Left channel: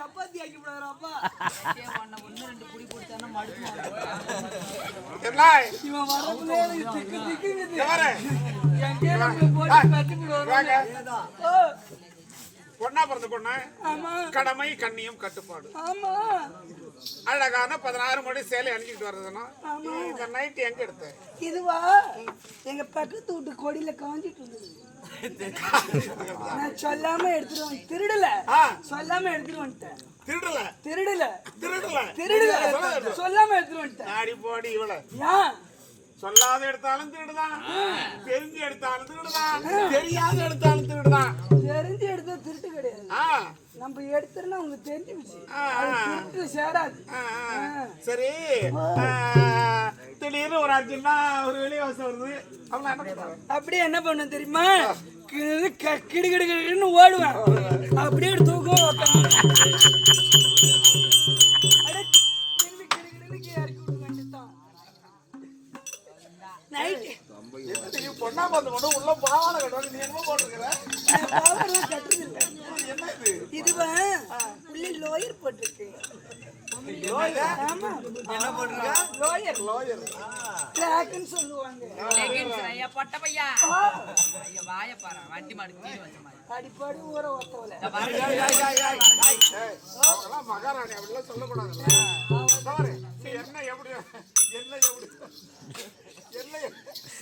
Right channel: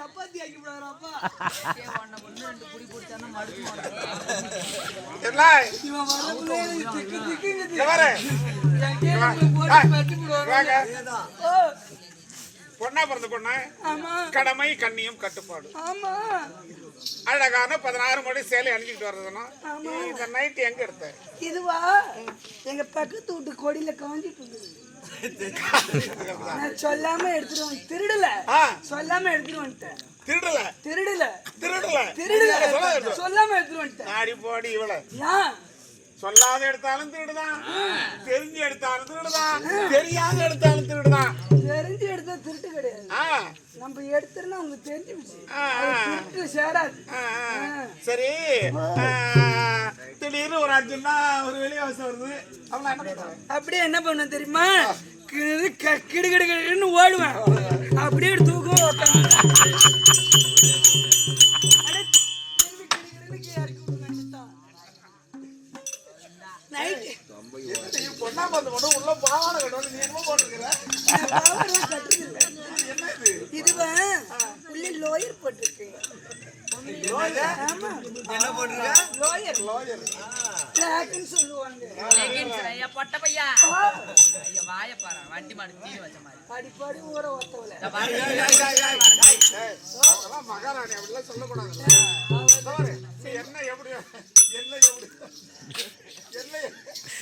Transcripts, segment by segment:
சப்பாத்தி ஆக்கி விடாதப்பா ஒன்னு ரெண்டு புடி போட்டானா மடுக்கு பொண்ணா பிறந்த பொண்ணு கடமை கண்ணியம் கட்டுப்பாடு அழகான 16 மணி சேலை அணிஞ்சிட்டு வர்றதுன்னா இந்த நைட் எங்க எடுத்த இதுவா எங்க பக்கத்து வீட்டு கொடியில காஞ்சிட்டு இருந்தது நான் சொல்லாம எடுத்துட்டு திருடல சொல்லாம எடுத்துட்டு வந்துட்டேன் திருடல சொல்லாம எடுத்துட்டு வந்துட்டேன் ஆடி போடி இவள சொல்லாத எடுத்தாலும் திருடுதான் தெரிஞ்சு எடுத்தாலும் திருடுதான் தெரியாத எடுத்தாலும் திருடுதான் தெரிஞ்சு எடுத்தா திருட்டு கிடையாது நம்ம எடுத்துனா உங்களுக்கு தெரிஞ்சு திருட்டு சேராது சரி திடீர்னு ஒரு 5 நாள் ஒரு வெளியே வருது அப்படியே என்ன பண்ண தெரியுமா கிடுகிடுன்னு ஓடுவேன் அப்படியே தூக்கம் பொண்ணா பார்த்து மட்டும் உள்ள பாவாடை கட்டுவாங்க நீ என்ன போட்டிருக்கிற இதுவா உள்ள லோயர் போட்டிருக்கு என்ன போட்டிருக்க லோயர் ட்ராக்னு சொல்லுவாங்க பொட்ட பையா வாய பாரு வண்டி மாடு தீ வச்ச மாதிரி படிப்பாடி ஊற ஒத்தவல மகாராணி அப்படிலாம் சொல்லக்கூடாது என்ன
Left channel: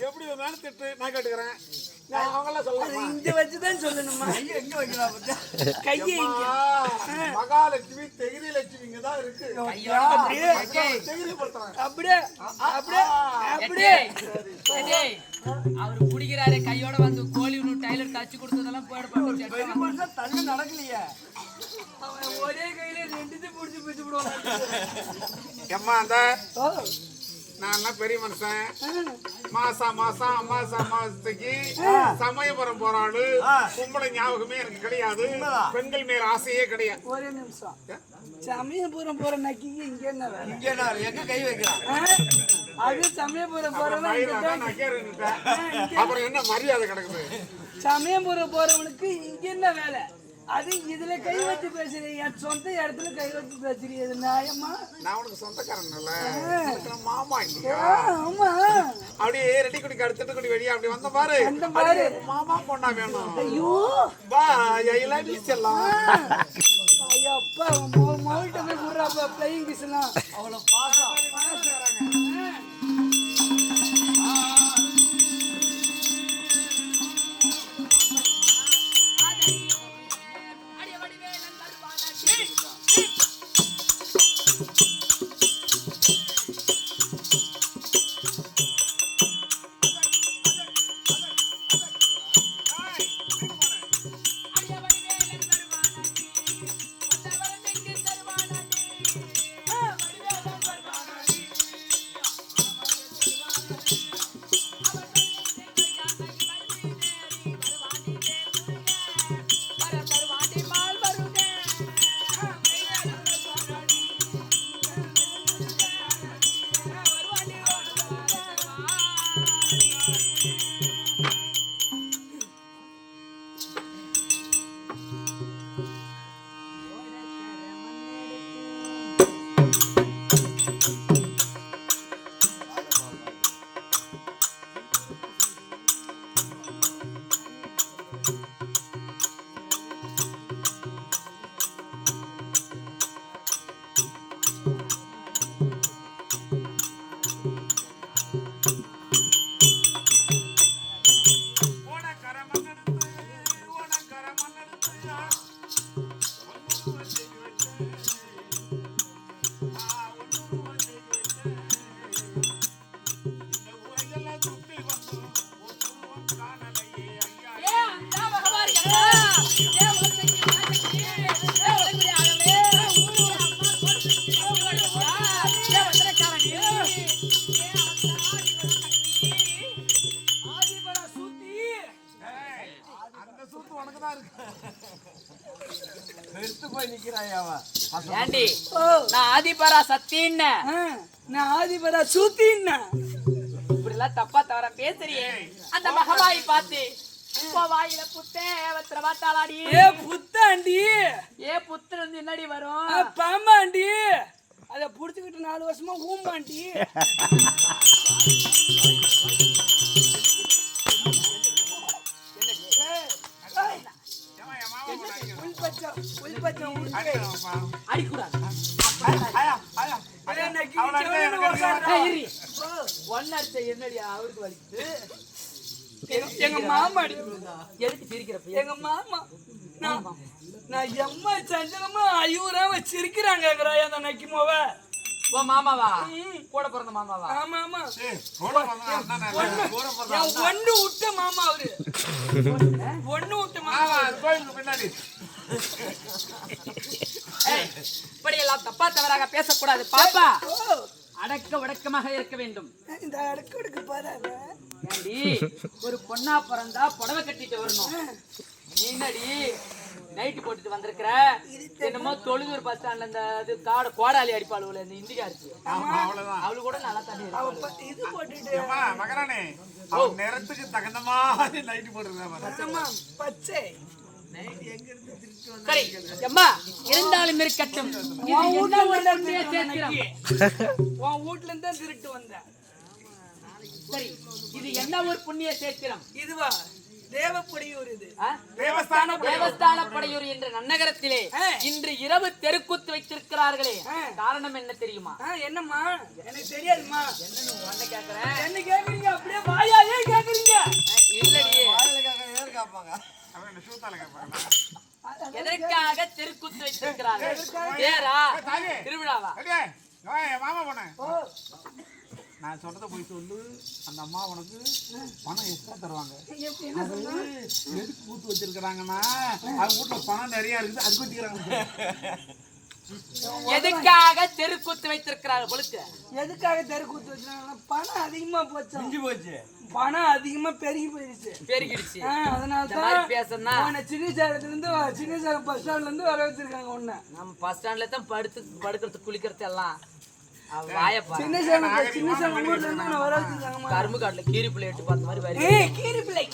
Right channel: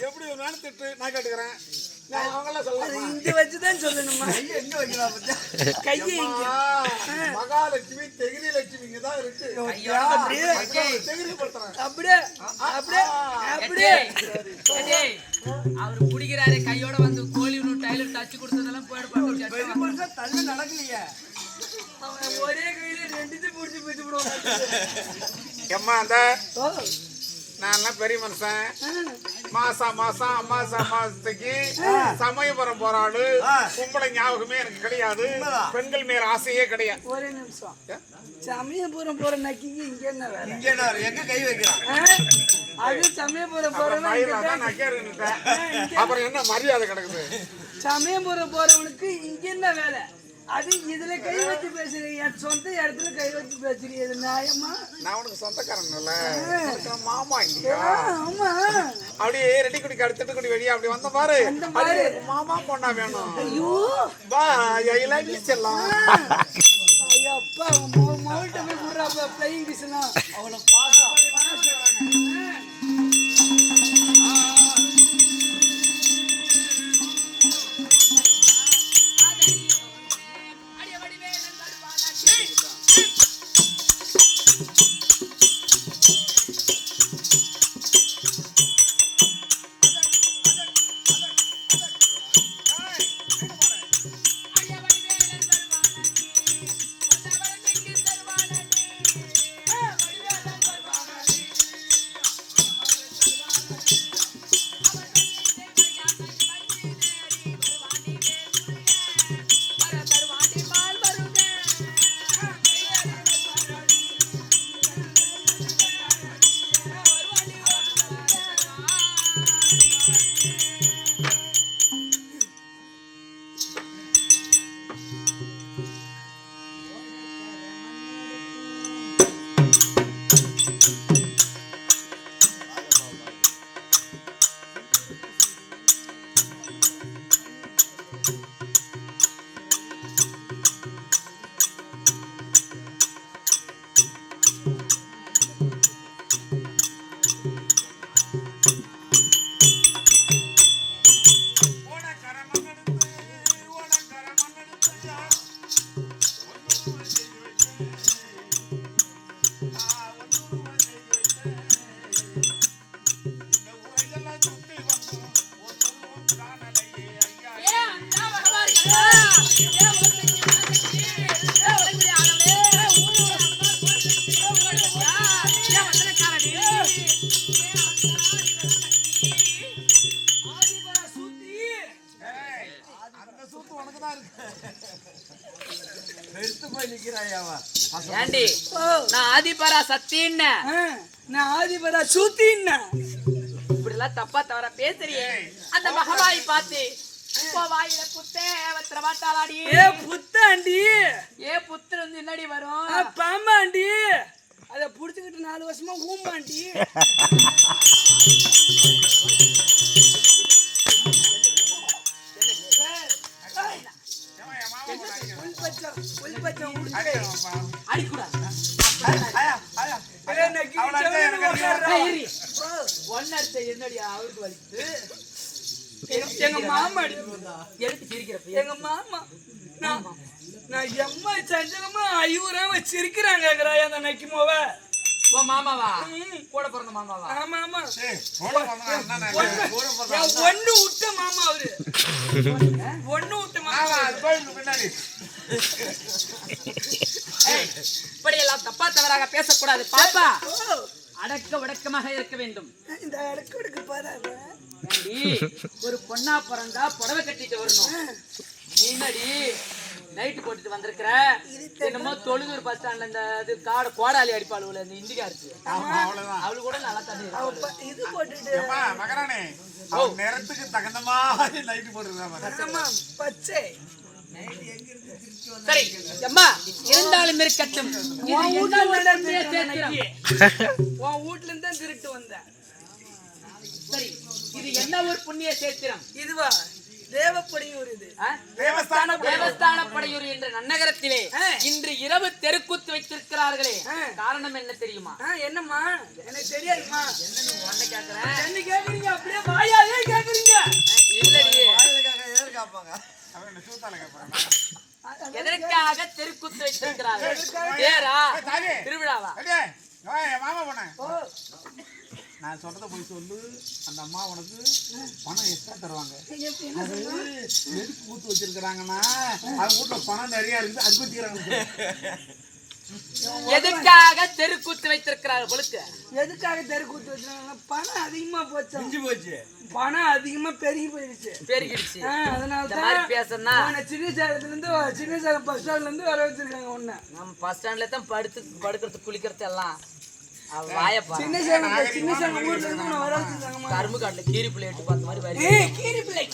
எப்படி வேணாலும் திட்டு நான் கேட்டுக்கிறேன் அவங்கெல்லாம் சொல்லலாம் இங்க வச்சுதான் சொல்லணுமா எங்க வைக்கலாம் கையை மகாலட்சுமி தெகிரி லட்சுமிங்க தான் இருக்கு அப்படியே அப்படியே அப்படியே அவரு குடிக்கிறாரு கையோட வந்து கோழி டைலர் தச்சு கொடுத்ததெல்லாம் போயிட தள்ளு நடக்கலையே ஒரே கையில 2 புடிச்சு பிடிச்சு விடுவாங்க எம்மா அந்த நான் பெரிய மனுஷன் மாசம் அமாவாசைக்கு சமயபுரம் போறாளு கும்பளை ஞாபகமே எனக்கு கிடையாது பெண்கள் மேல ஆசையே கிடையாது ஒரே நிமிஷம் சமயபுரம் போற நக்கிக்கு இங்க என்ன எங்க கை வைக்கிறான் அது சமயபுரம் போறவன் அப்புறம் என்ன மரியாதை கிடக்குது சமயபுரம் போறவனுக்கு இங்க என்ன வேலை அது இதுல கை வச்சு பேசுறீங்க, என் சொந்த இடத்துல கை வச்சு பேசுறீங்க, இது நியாயமா? நான் உனக்கு சொந்தக்காரன்ல மாமா ஆமா. அப்படியே ரெட்டி குடிக்கு அடுத்துட்டு குடி வெளியே அப்படி வந்த பாரு அந்த பாரு. மாமா பொண்ணா வேணும். ஐயோ பா ஐயா செல்லாம் ஐயா அப்பா மவுல்ட்ட போய் குடுறாப்பா பிளையிங் கிஸ் எல்லாம் அவ்வளவு பாசம் ஏண்டி நான் ஆதிபரா சத்தின்னு நான் ஆதிபரா சூத்தின்னா இப்படி எல்லாம் தப்பா தவற பேசுறியே. அந்த மகவாயை பார்த்து வாயில புத்தேவத்திர வாட்டாளாடி. ஏ புத்தாண்டி, ஏ புத்தர் வந்து என்னடி வரும்? பாம்பாண்டி, அத புடிச்சுக்கிட்டு 4 வருஷமா ஊம்பாண்டி. எங்க மாமா எங்க மாமா நான் எம்மா சஞ்சலமா ஐயூரா வச்சிருக்கிறாங்க அந்த நக்கிமோவ. ஓ மாமாவா? கூட பிறந்த மாமாவா? ஆமா ஆமா, ஒண்ணு விட்ட மாமா அவரு, ஒண்ணு விட்ட மாமா பின்னாடி. இப்படி எல்லாம் தப்பா தவறாக பேசக்கூடாது பாப்பா. அடக்க வடக்கமாக இருக்க வேண்டும். இந்த அடக்க வடக்கு பாரு. ஒரு பொண்ணா பிறந்தா புடவை கட்டிட்டு வரணும். முன்னாடி நைட்டு போட்டுட்டு வந்திருக்கிற என்னமோ தொழுதூர் பஸ் ஸ்டாண்ட்ல இந்த இது கோடாலி அடிப்பாளுல இந்த இந்தியா இருக்கு, அவளு கூட நல்லா தண்ணி இது போட்டுட்டு மகரானே நேரத்துக்கு தகுந்த மாதிரி நைட்டு போட்டுருக்கா பச்சை. சரி அம்மா, இருந்தாலும் இருக்கட்டும். உன் வீட்டுல இருந்து திருட்டு வந்த. சரி, இது என்ன ஒரு புண்ணிய சேத்திரம்? இதுவா தேவப்படையூர். இது தேவஸ்தான படையூர் என்ற நன்னகரத்திலே இன்று இரவு தெருக்கூத்து வைத்திருக்கிறார்களே, காரணம் என்ன தெரியுமா? என்னம்மா? எனக்கு தெரியாதுமா. என்ன கேக்குறேன்? என்ன கேக்குறீங்க? அப்படியே வாயாலே கேக்குறீங்க? இல்லடி, எதற்காக தெருக்கூத்து வைத்திருக்கிறார்கள்? திருவிழாவா? மாமா போன நான் சொல்றத போய் சொல்லு. அந்த அம்மா உனக்கு பணம் எக்ஸ்ட்ரா தருவாங்க. அது எதுக்கு கூத்து வச்சிருக்கிறாங்கன்னா அவங்க வீட்டுல பணம் நிறைய இருக்குது, அது வச்சுக்கிறாங்க. எதுக்காக தெருக்கூத்து வைத்திருக்கிறாங்க? பொழுது எதுக்காக தெருக்கூத்து வச்சிருக்காங்க? பணம் அதிகமா போச்சு, பணம் அதிகமா பெருகி போயிருச்சு, பெருகிடுச்சு. அதனாலதான் பேசணும். சின்ன சேலத்துல இருந்து சின்ன சேலம் பஸ் ஸ்டாண்ட்ல இருந்து வர வச்சிருக்காங்க. ஒண்ணு நம்ம பஸ் ஸ்டாண்ட்ல தான் படுக்கிறது குளிக்கிறது எல்லாம். சின்ன சேலம் ஊர்ல இருந்து வர வச்சிருக்காங்க. கரும்பு காட்டுல கீரி பிள்ளை எட்டு பார்த்த மாதிரி கீரி பிள்ளை